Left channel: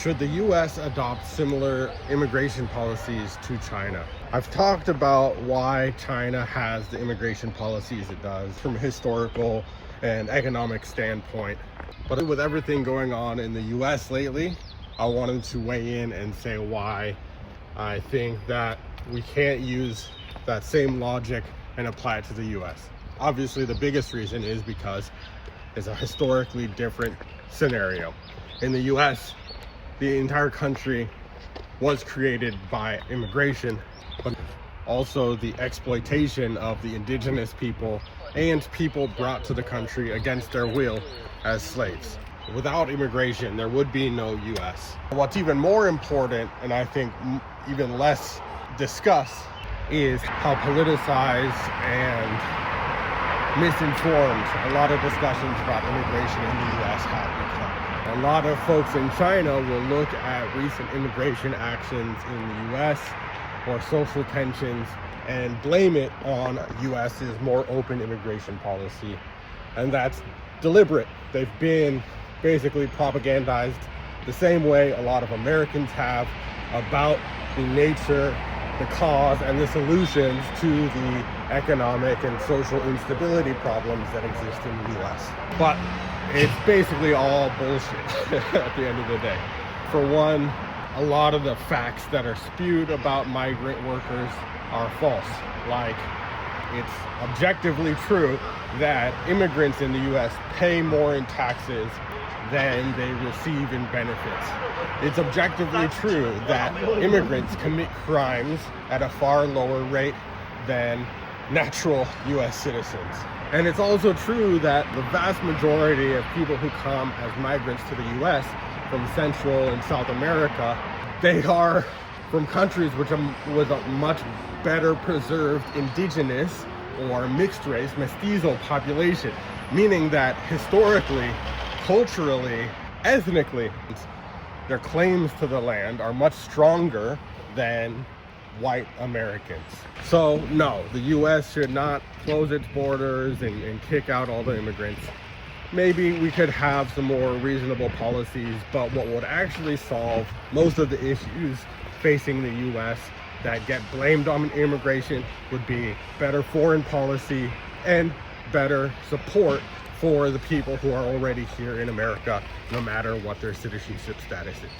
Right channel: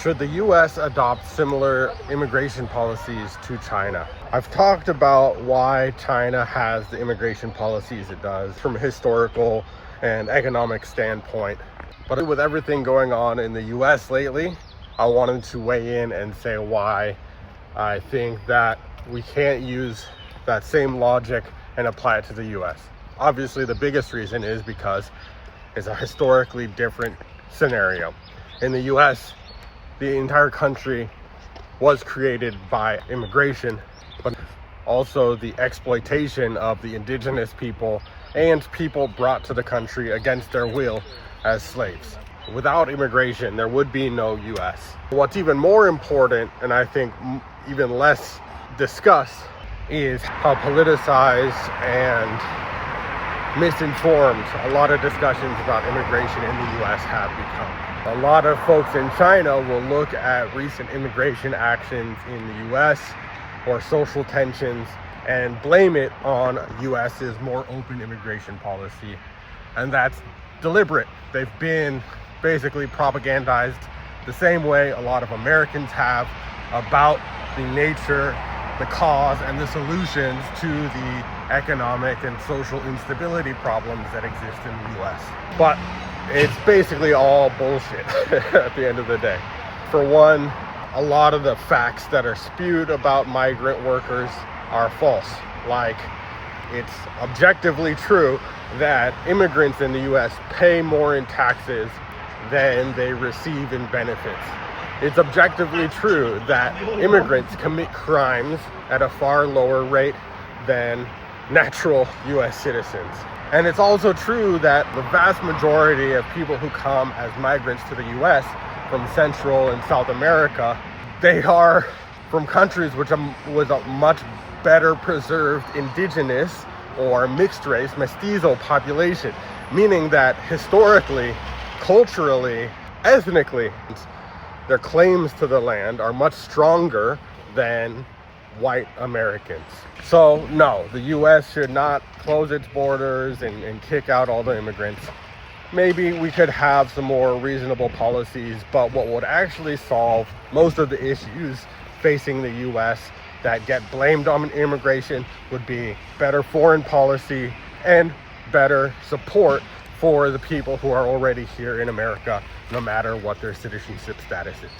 Should the US adopt similar immigration policies to China? I've talked about why China has the immigration policies it does from a historical and economic standpoint. But with everything going on in the US lately, I wanted to weigh in and say why I think that we can't use that same logic and apply it to the US. Obviously, the biggest reason is because it's a historically different scenario. In the US, the entire country was created by immigration, but also the exploitation of the indigenous people and people brought to the country against their will as slaves. Without immigration, there would be no US. What's even more important, and I think even less discussed, is how politicized and misinformed a lot of discussions about immigration in the US have become. A lot of folks in China will look at recent immigration actions in the US or social tensions and blame it on US's more open immigration policy. And that's deliberate. They've been basically propagandized the same way a lot of Americans have about the nature, the cause, and the solutions to the economic and social instability problems that exist in the US. But it's basically all bullshit at the end of the day. For one, a lot of the facts that are spewed about migrant workers are false. Like, it's objectively true that immigrants in the US pay more in taxes than they receive in benefits. It's objectively true that immigrants commit crimes at a far lower rate than natural US citizens. And it's also true that the vast majority of people who come as migrants to the US from Central and South America, they are from countries with a much better preserved indigenous or mixed race, mestizo population, meaning that historically, culturally, ethnically, their claims to the land are much stronger than white Americans. So no, the US should not close its borders and kick out all the immigrants. Maybe we could have some more reasonable policies, but what would actually solve most of the issues facing the US that get blamed on immigration would be better foreign policy and better support for the people who are already here in America, no matter what their citizenship status is.